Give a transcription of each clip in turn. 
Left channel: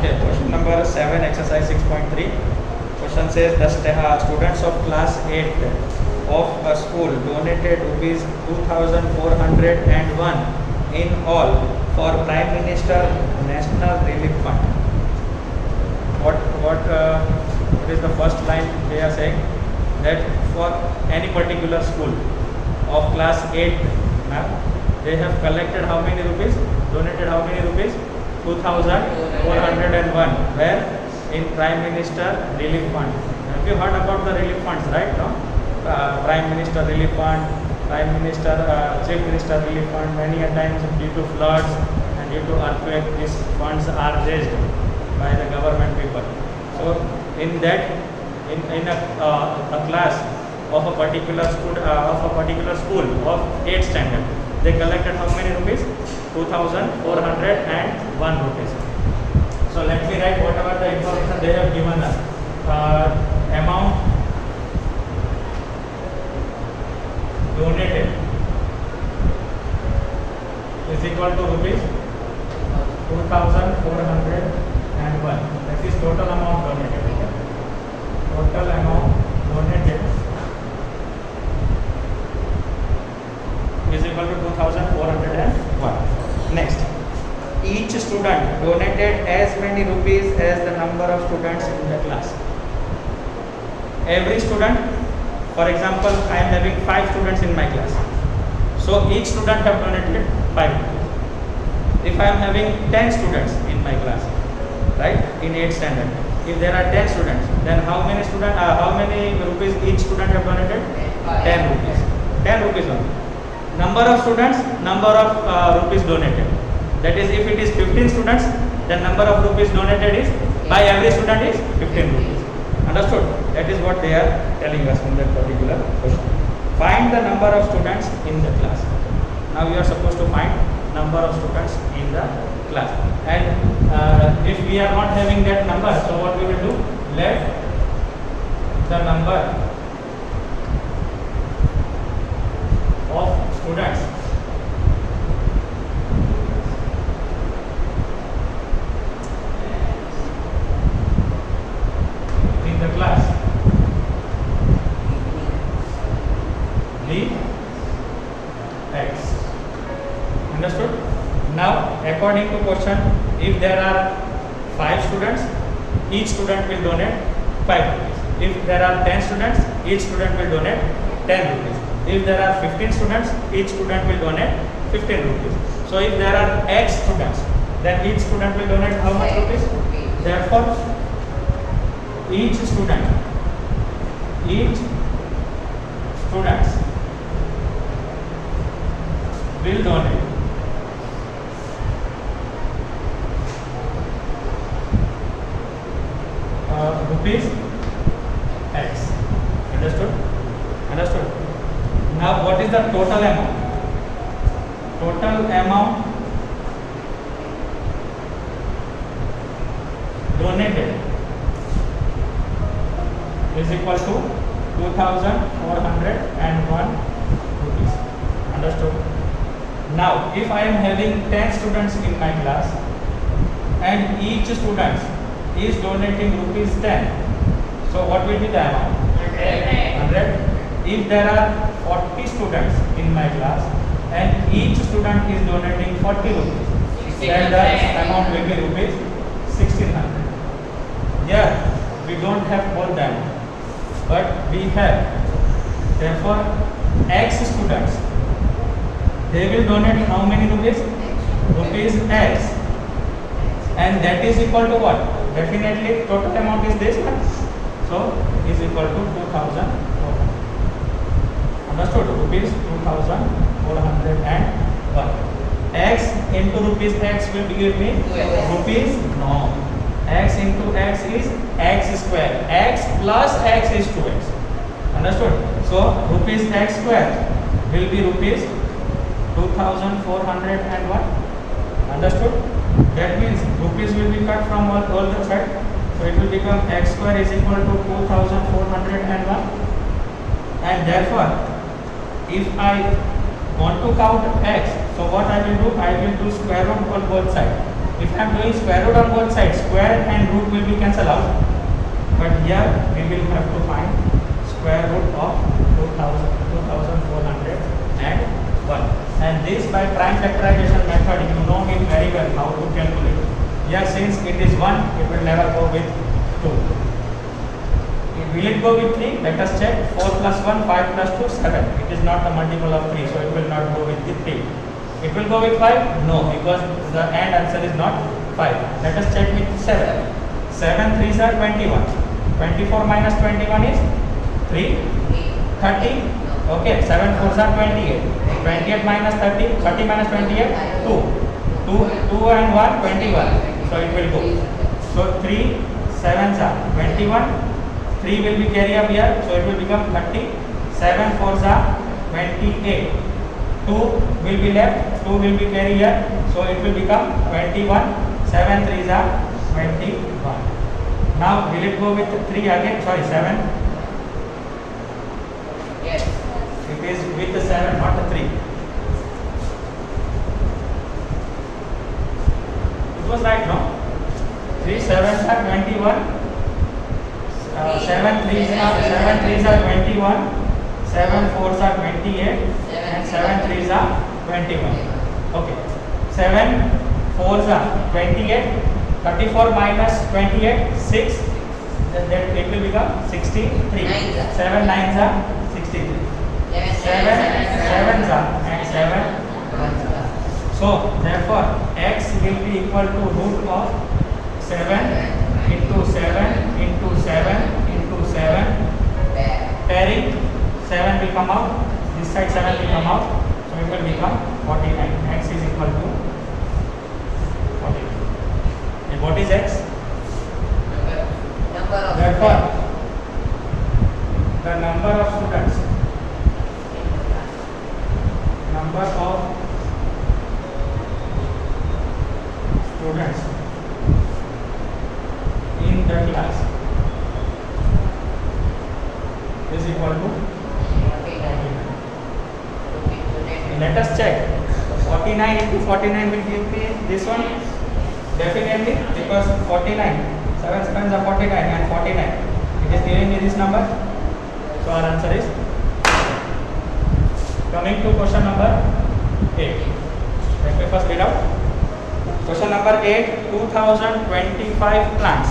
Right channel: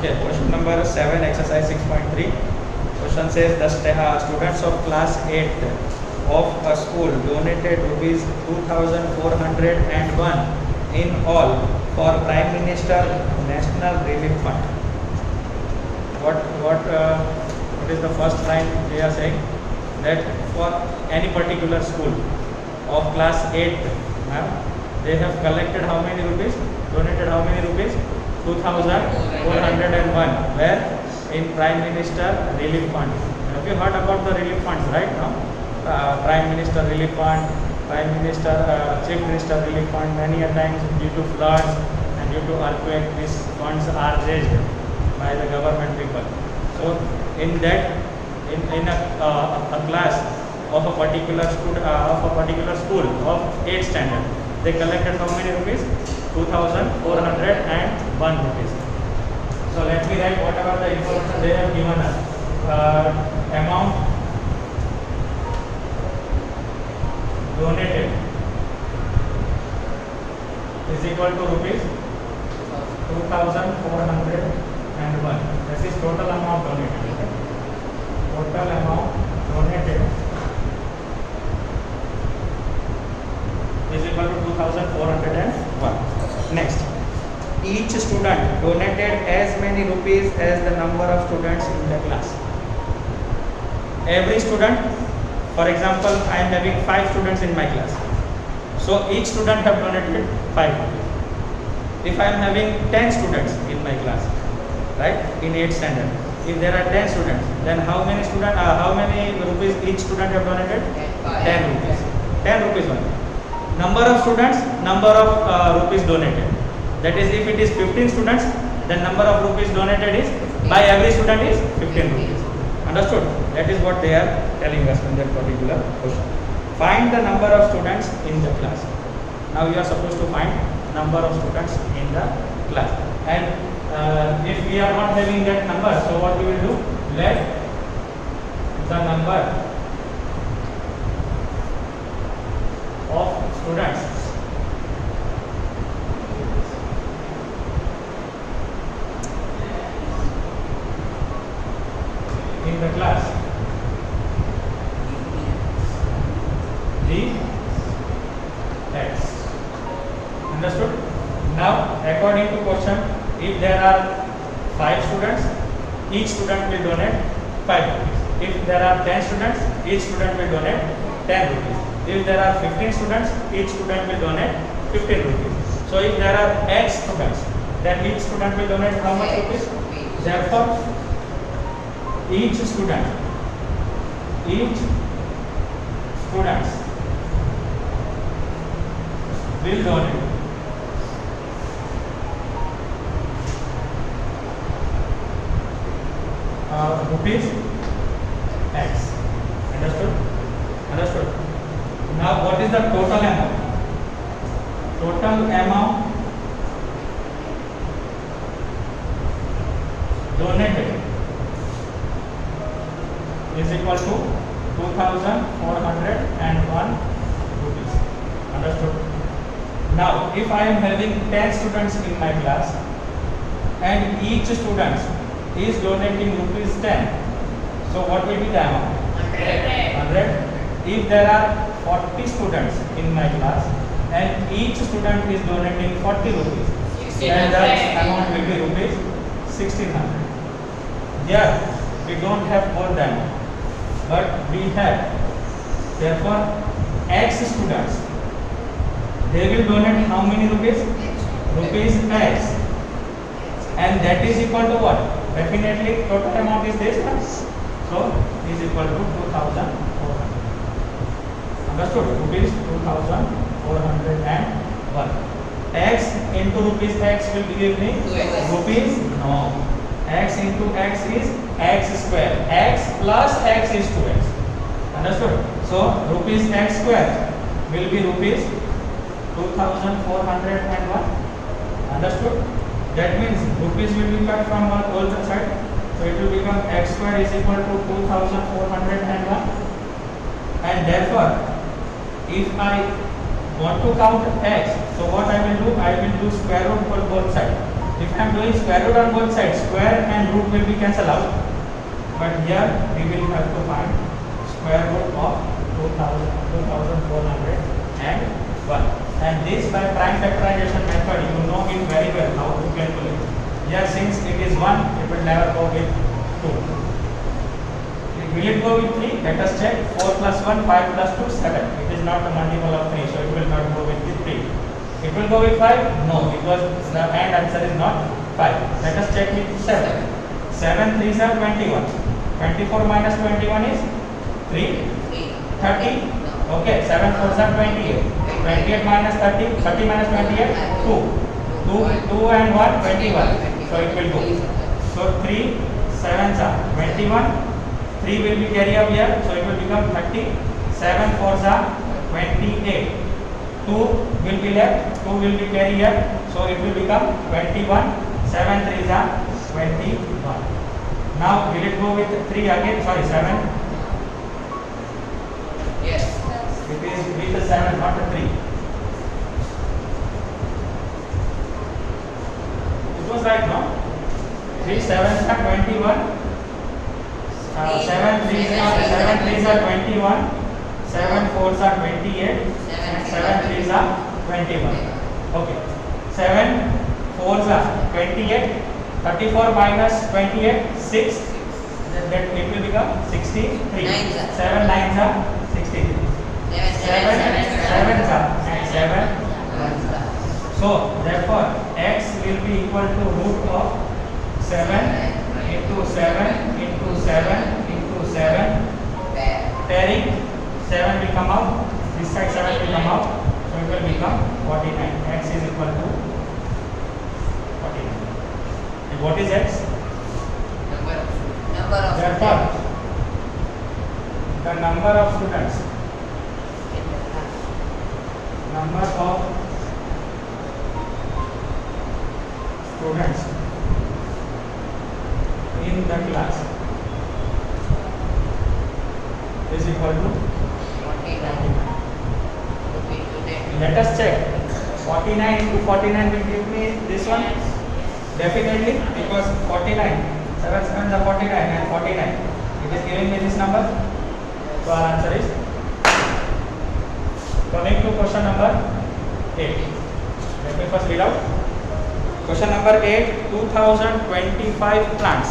Okay, question number 7, exercise 6.3. Question says the students of class 8 of a school donated rupees 2401 in all for Prime Minister National Relief Fund. What is the first line they are saying? That for any particular school of class 8, they have collected how many rupees? Donated how many rupees? 2401. Where? In Prime Minister Relief Fund. Have you heard about the relief funds, right? No? Prime Minister Relief Fund, Prime Minister, Chief Minister Relief Fund. Many a times due to floods and due to earthquake, these funds are raised by the government people. So in that, in a class of a particular school of 8th standard, they collected how many rupees? 2401 rupees. So let me write whatever the information they have given us. Amount donated is equal to rupees 2401. That is total amount donated. Okay? Total amount donated is equal to 2401. Next, each student donated as many rupees as the number of students in the class. Every student, for example, I am having 5 students in my class. So each student have donated 5 rupees. If I am having 10 students in my class, right, in 8th standard, if there are 10 students, then how many rupees each student have donated? 10 rupees. 10 rupees only. Number of students, number of rupees donated. That is, if it is 15 students, then number of rupees donated is by every student is 15 rupees. Understood? That is what they are telling us in that particular question. Find the number of students in the class. Now you are supposed to find number of students in the class. And if we are not having that number, so what we will do? Let the number of students in the class be X. Understood? Now, according to question, if there are 5 students, each student will donate 5 rupees. If there are 10 students, each student will donate 10 rupees. If there are 15 students, each student will donate 15 rupees. So if there are X students, then each student will donate how much rupees? Therefore, each student will donate rupees X. Understood? Understood? Now what is the total amount? Total amount donated is equal to 2401 rupees. Understood? Now if I am having 10 students in my class and each student is donating rupees 10, so what will be the amount? 100. If there are 40 students in my class and each student is donating 40 rupees, then the amount will be rupees 1600. Here we don't have more than, but we have. Therefore, X students, they will donate how many rupees? Rupees X, and that is equal to what? Definitely total amount is this, so is equal to 2400. Understood? Rupees 2401. X into rupees X will give me rupees? No. X into X is X square. X plus X is 2X. Understood? So rupees X square will be rupees 2401. Understood? That means rupees will be cut from all the side. So it will become X square is equal to 2401. And therefore, if I want to count X, so what I will do? I will do square root for both sides. If I am doing square root on both sides, square and root will be cancelled out. But here we will have to find square root of 2401. And this by prime factorization method, you know it very well how to calculate. Here since it is 1, it will never go with 2. Will it go with 3? Let us check. 4 plus 1, 5 plus 2, 7. It is not a multiple of 3, so it will not go with the 3. It will go with 5? No, because the end answer is not 5. Let us check with 7. 7 3s are 21. 24 minus 21 is 3. 30. Okay, 7 4s are 28. 28 minus 30. 30 minus 28, 2. 2 and 1, 21. So it will go. So 3 7s are 21. 3 will be carry up here, so it will become 30. 7 4s are 28. 2 will be left, 2 will be carry here, so it will become 21. 7 3s are 21. Now will it go with 3 again? Sorry, 7. Yes. It is with the 7, not the 3. It was right, no? 3 7s are 21. 7 3s are 21. 7 4s are 28. And 7 3s are 21. Okay. 7 4s are 28. 34 minus 28, 6. Then that it will become 63. 7 9s are 63. 7 7s are and 7 9s are. So therefore x will be equal to root of 7 into 7 into 7 into 7. Pairing 7 will come out. This side 7 will come out. So it will become 49. X is equal to 49. And what is x? Therefore, the number of students in the class is equal to 49. Let us check. 49 into 49 will give me this one. Definitely, because 49, 7 seconds are 49 and 49. It is giving me this number. So our answer is. Coming to question number 8. Let me first read out. Question number 8. 2025 plants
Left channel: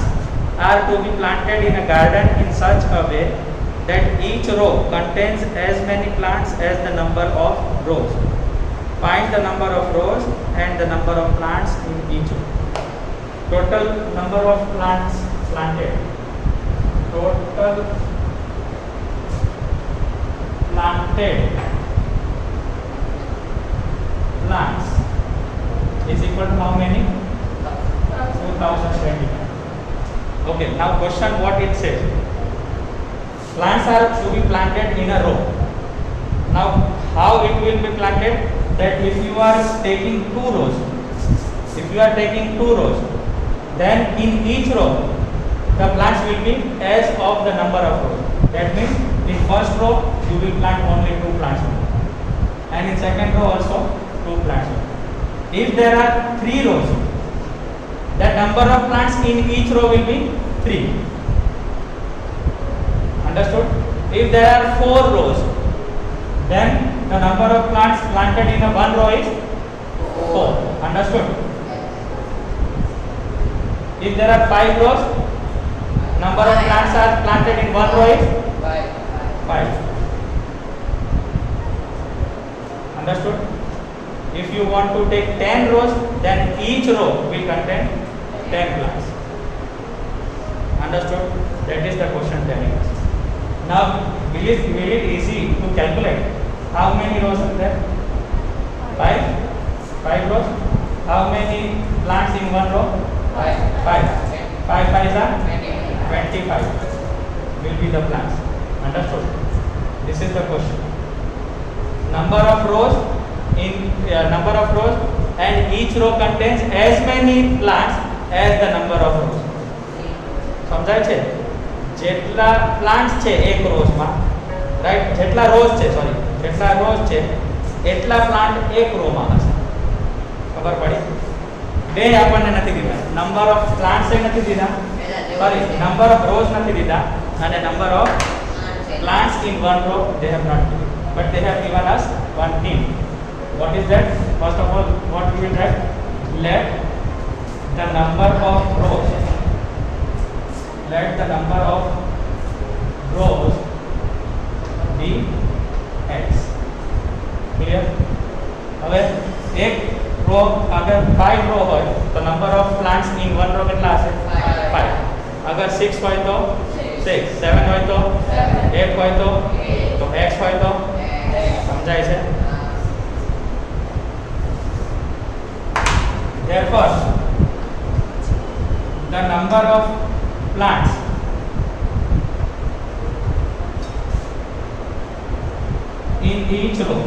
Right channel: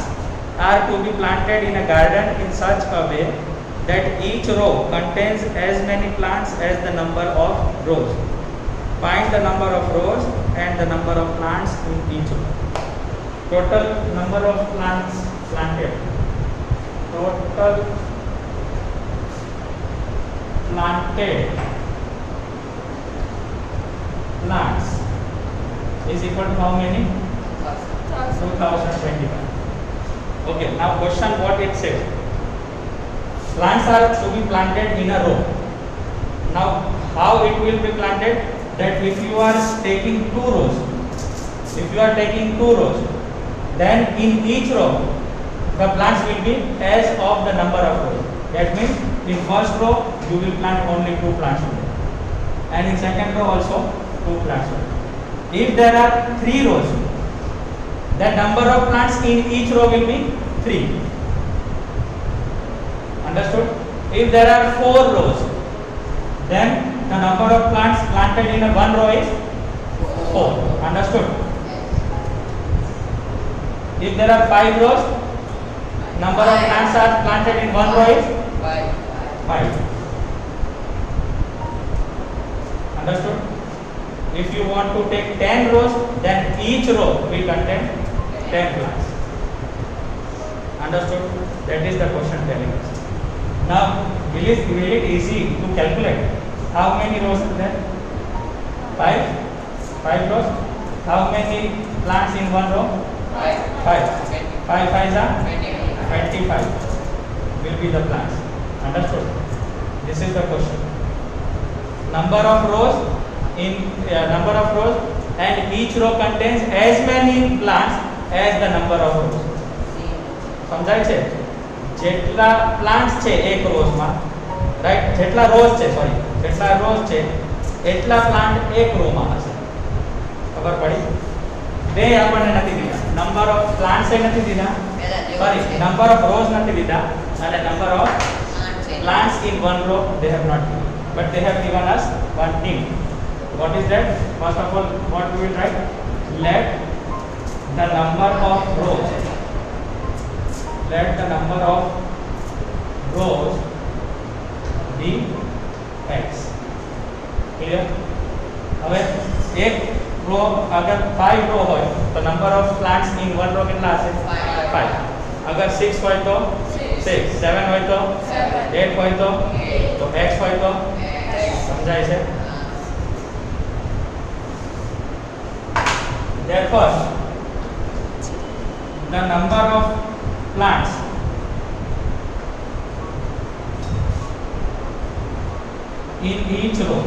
are to be planted in a garden in such a way that each row contains as many plants as the number of rows. Find the number of rows and the number of plants in each row. Total number of plants planted. Total planted plants is equal to how many? 2025. Okay, now question what it says. Plants are to be planted in a row. Now how it will be planted? That if you are taking two rows, then in each row the plants will be as of the number of rows. That means in first row you will plant only 2 plants only, and in second row also 2 plants only. If there are 3 rows, the number of plants in each row will be 3. Understood? If there are 4 rows, then the number of plants planted in a one row is 4. Understood? If there are 5 rows, number of plants are planted in one row is 5. Understood? If you want to take 10 rows, then each row will contain 10 plants. Understood? That is the question telling us. Now, will it easy to calculate? How many rows are there? 5? 5 rows. How many plants in one row? 5. 5 5s are 25 will be the plants. Understood? This is the question. Number of rows and each row contains as many plants as the number of rows. સમજાય છે? જેટલા plants છે એક rose માં, right? જેટલા rose છે એટલા plant એક રો માં હશે. ખબર પડી? બે આપણને નથી દીધા, નંબર ઓફ પ્લાન્ટ્સ એ નથી દીધા, સોરી નંબર ઓફ રોઝ નથી દીધા અને number of plants in one row they have not given, but they have given us one hint. What is that? First of all, what we will write? Let the number of rows, let the number of rows be x. Clear? હવે એક row અગર 5 row હોય તો number of plants in one row કેટલા હશે? 5. અગર 6 હોય તો 6, 7 હોય તો 8 હોય તો x હોય તો સમજાય છે? Therefore, the number of plants in each row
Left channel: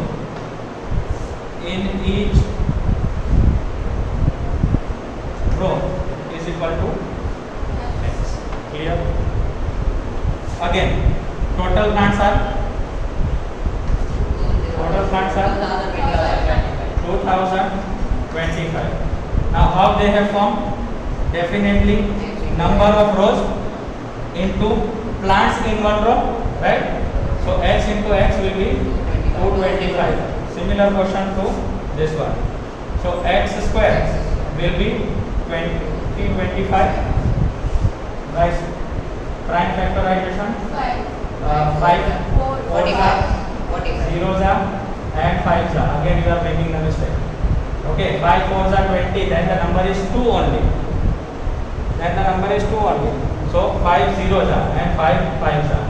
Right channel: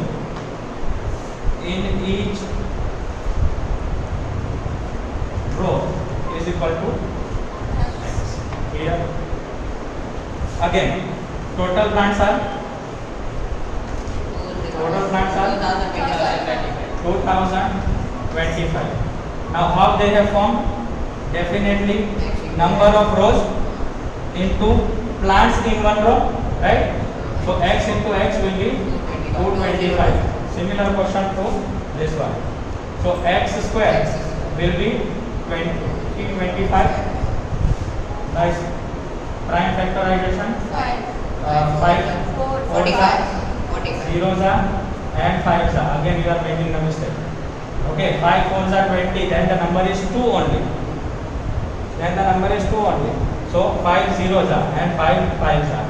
is equal to x. Clear? Again, total plants are 2025. Now how they have formed? Definitely number of rows into plants in one row, right? So x into x will be 225. Similar question to this one. So x square will be 25. Nice. Prime factorization. 5 4s are 0s are and 5s are. Again you are making a mistake. Okay, 5 4s are 20. Then the number is 2 only. So 5 0s are and 5 5s are.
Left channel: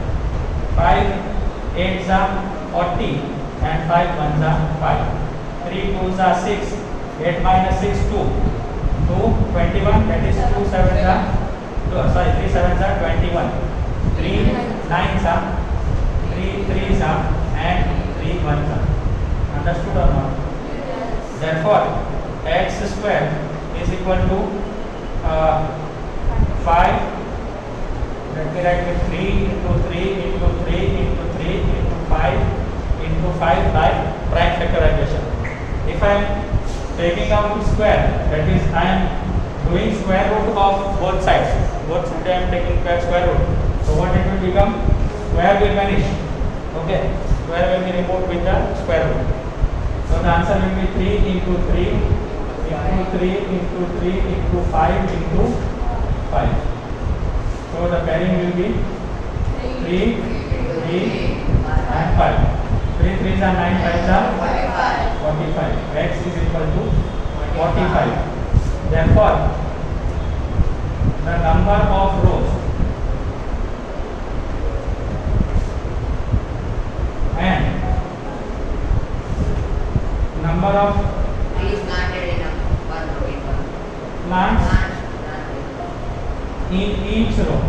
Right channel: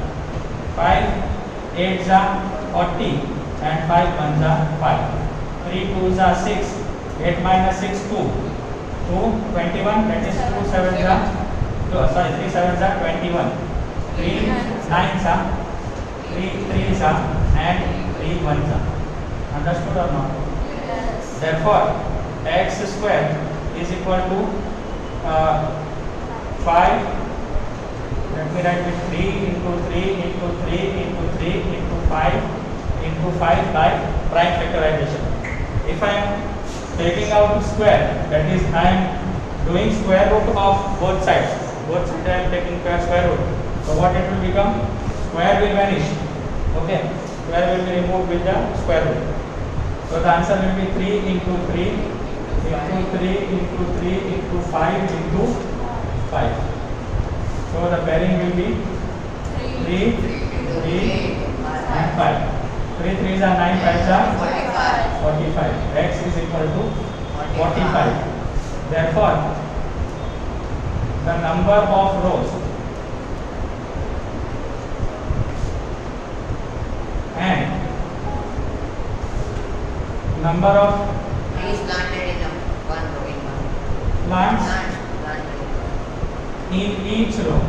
5 8s are 40 and 5 1s are 5. 3 2s are 6. 8 minus 6 2. 21. That is 2 7s are 3 7s are 21. 3 9s are 3 3s are and 3 1s are. Understood or not? Therefore, x square is equal to 5. Let me write it 3 into 3 into 3 into 3 into 5 into 5 by prime factorization. If I am taking out square, that is I am doing square root of both sides. Both sides I am taking square root. So what it will become? Square will vanish. Okay, square will be removed with the square root. So the answer will be 3 into 3 into 3 into 3 into 5 into 5. So the pairing will be 3 3 and 5. 3 3s are 9, 5s are 45. X is equal to 45. Therefore, the number of rows and number of plants in each row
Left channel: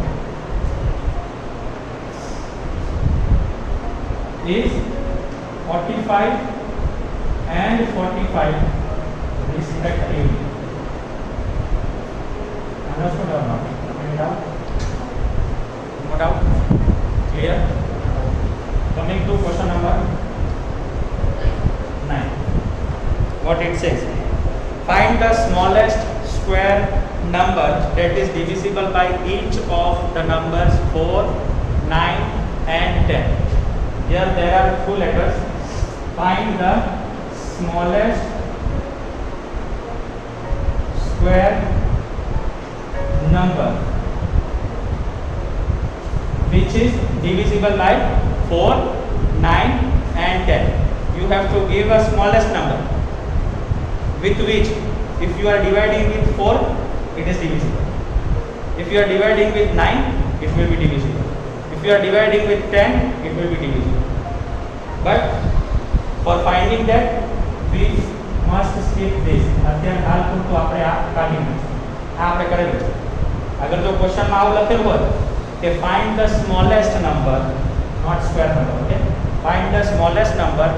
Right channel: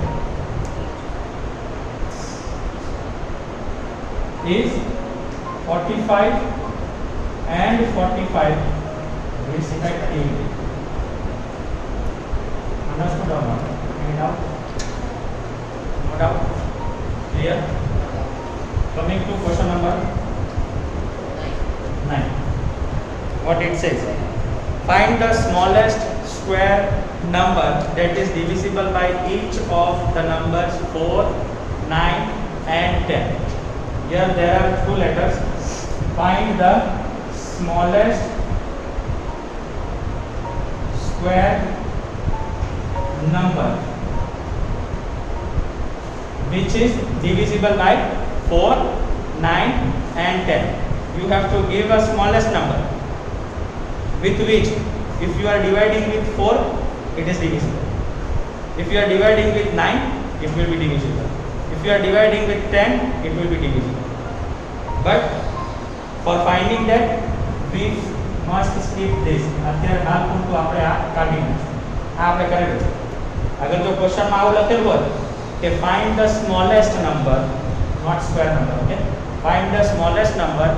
is 45 and 45 respectively. Understood or not? Any doubt? No doubt? Clear? Coming to question number 9. What it says? Find the smallest square number that is divisible by each of the numbers 4, 9 and 10. Here there are two letters. Find the smallest square number which is divisible by 4, 9 and 10. You have to give a smallest number with which if you are dividing with 4 it is divisible. If you are dividing with 9 it will be divisible. If you are dividing with 10 it will be divisible. But for finding that we must skip this. અત્યારે હાલ પૂરતું આપણે આ કાઢી નાખીએ. આ આપણે કરેલું છે. અગર જો ક્વેશ્ચનમાં આવું લખેલું હોય કે find the smallest number, not square number, okay? Find the smallest number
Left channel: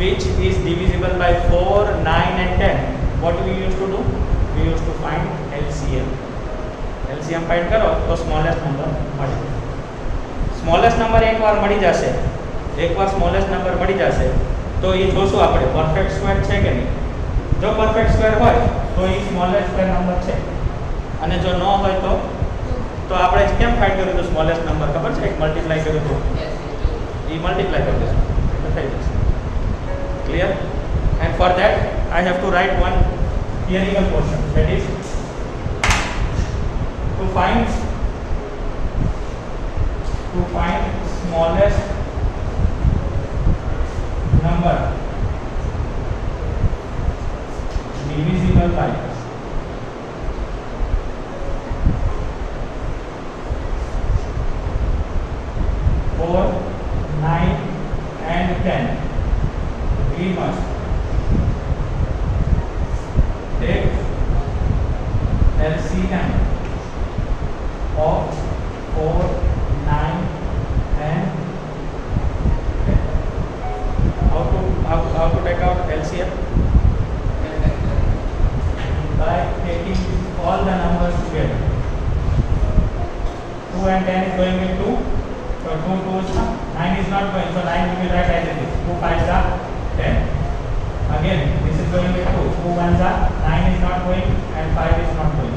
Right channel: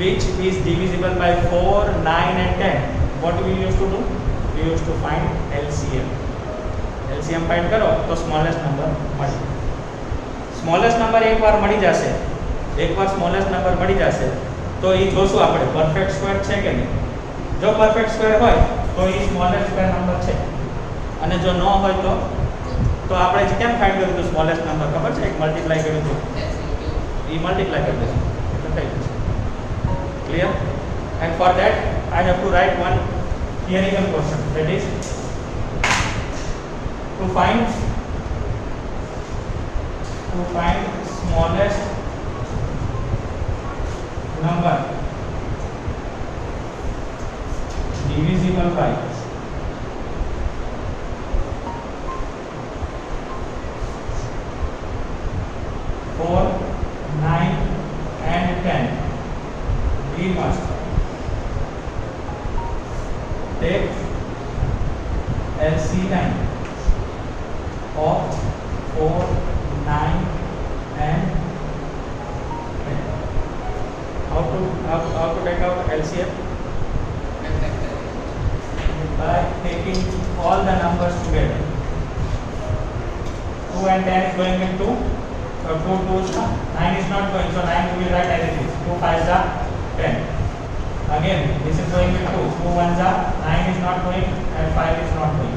which is divisible by 4, 9 and 10. What we used to do? We used to find LCM. LCM find કરો તો smallest number મળે. Smallest number એકવાર મળી જશે, એકવાર smallest number મળી જશે તો એ જોશું આપણે પરફેક્ટ સ્ક્વેર છે કે નહીં. જો પરફેક્ટ સ્ક્વેર હોય તો તો એ સ્મોલેસ્ટ સ્ક્વેર નંબર છે. અને જો ન હોય તો આપણે કેમ ફાઇન્ડ કર્યું હતું સ્મોલેસ્ટ નંબર ખબર છે? એક મલ્ટીપ્લાય કર્યું હતું, એ મલ્ટીપ્લાય કરી દેશું એટલે થઈ જશે. Clear? And for that I have to write one theoretical question, that is to find smallest number divisible by 4, 9 and 10, we must take LCM of 4, 9 and 10. How to take out LCM? By taking all the numbers together. 2 and 10 is going with 2. So 2 2 is 9 is not going. So 9 we will write as it is. 2 5 are 10. Again, this is going with 2. 2 1s are 9 is not going and 5 is not going.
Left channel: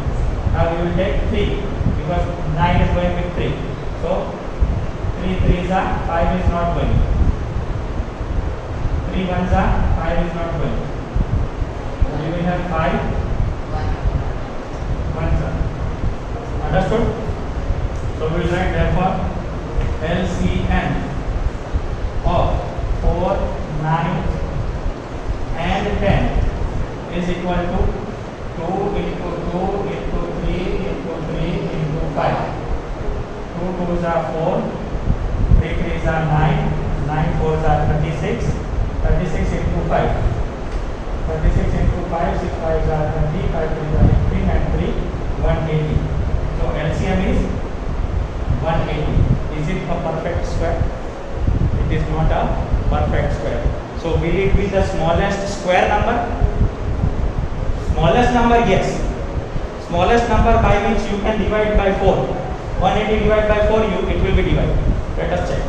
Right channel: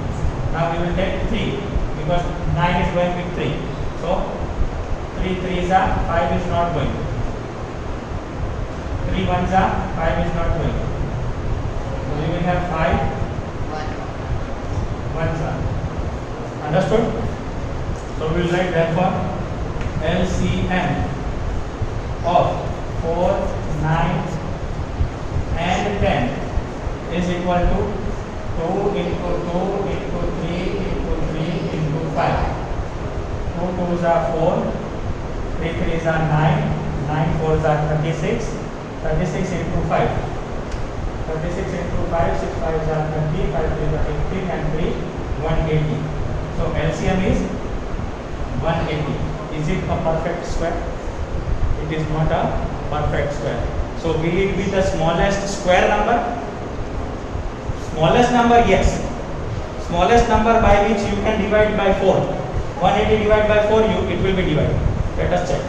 Now we will take 3 because 9 is going with 3. So 3 3s are 5 is not going. 3 1s are 5 is not going. So we will have 5 1s are. Understood? So we will write therefore LCM of 4, 9 and 10 is equal to 2 into 2 into 3 into 3 into 5. 2 2s are 4, 3 3s are 9, 9 4s are 36, 36 into 5. 36 into 5, 6 5s are 20, 5 3s are 15 and 3 180. So LCM is 180. Is it a perfect square? It is not a perfect square. So will it be the smallest square number? Smallest number, yes. Smallest number by which you can divide by 4. 180 divided by 4, it will be divided. Let us check.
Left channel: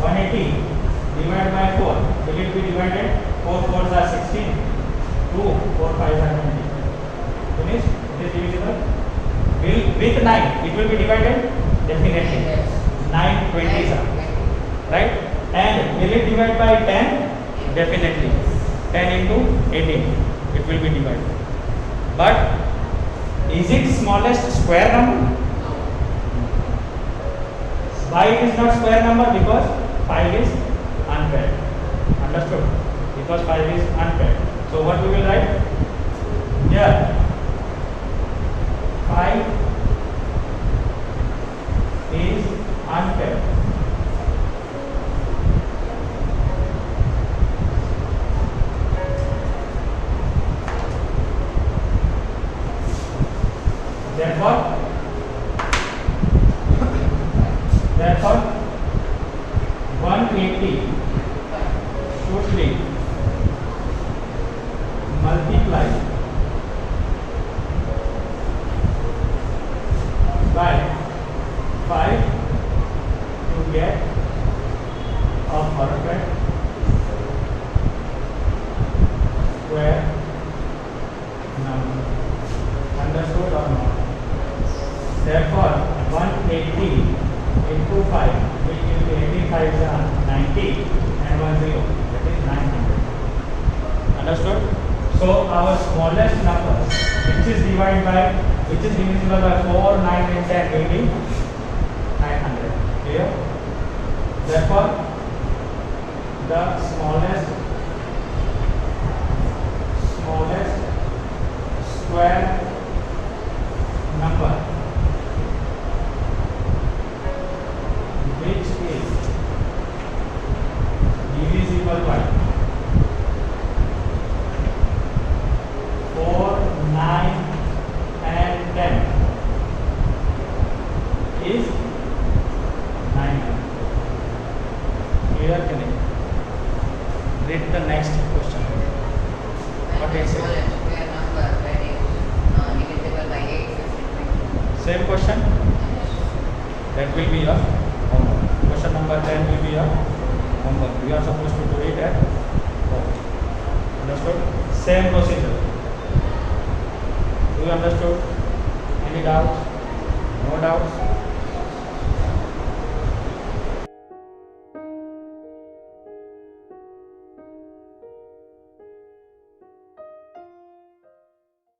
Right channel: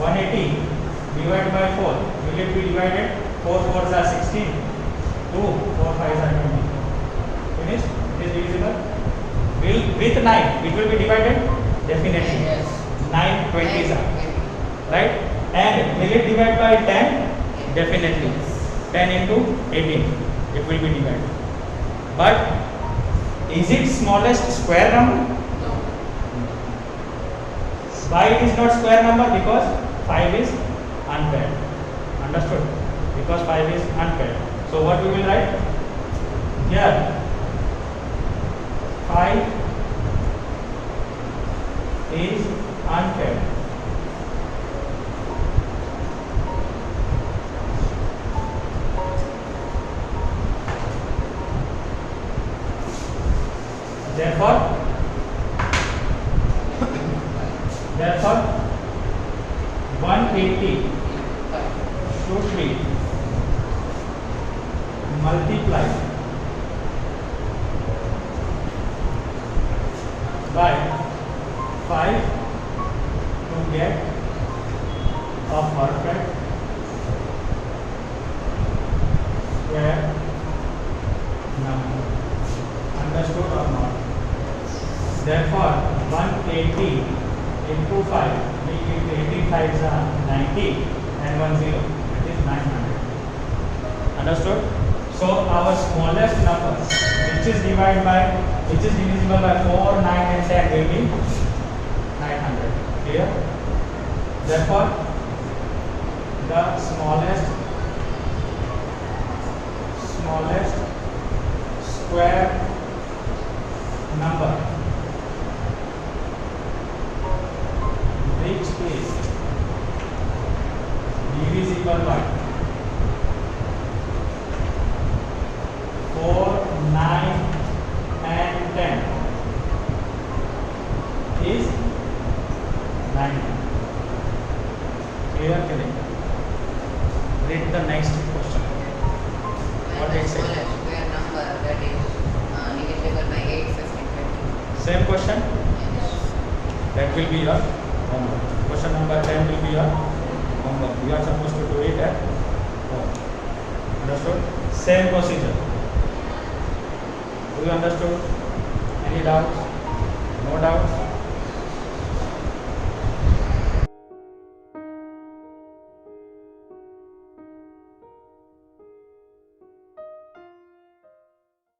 180 divided by 4. Will it be divided? 4 4s are 16. 2 4 5s are 20. Finished? It is divisible. Will with 9 it will be divided? Definitely. 9 20s are. Right? And will it divide by 10? Definitely. 10 into 18 it will be divided. But is it smallest square number? Why it is not square number? Because 5 is unpaired. Understood? Because 5 is unpaired. So what we will write? Here 5 is unpaired. Therefore 180 should be multiplied by 5 to get a perfect square number. Understood or not? Therefore 180 into 5 will give 18 5s are 90 and 1 0. It is 900. Understood? So our smallest number which is divisible by 4, 9 and 10 will be 900. Clear? Therefore the smallest square number which is divisible by 4, 9 and 10 is 90. Clear? Can I read the next question? What it says? Square number that is divisible by 8, 15, 20. Same question? That will be your homework. Question number 10 will be your homework. You are supposed to do it at home. Understood? Same procedure. you understood? Any doubts? No doubts?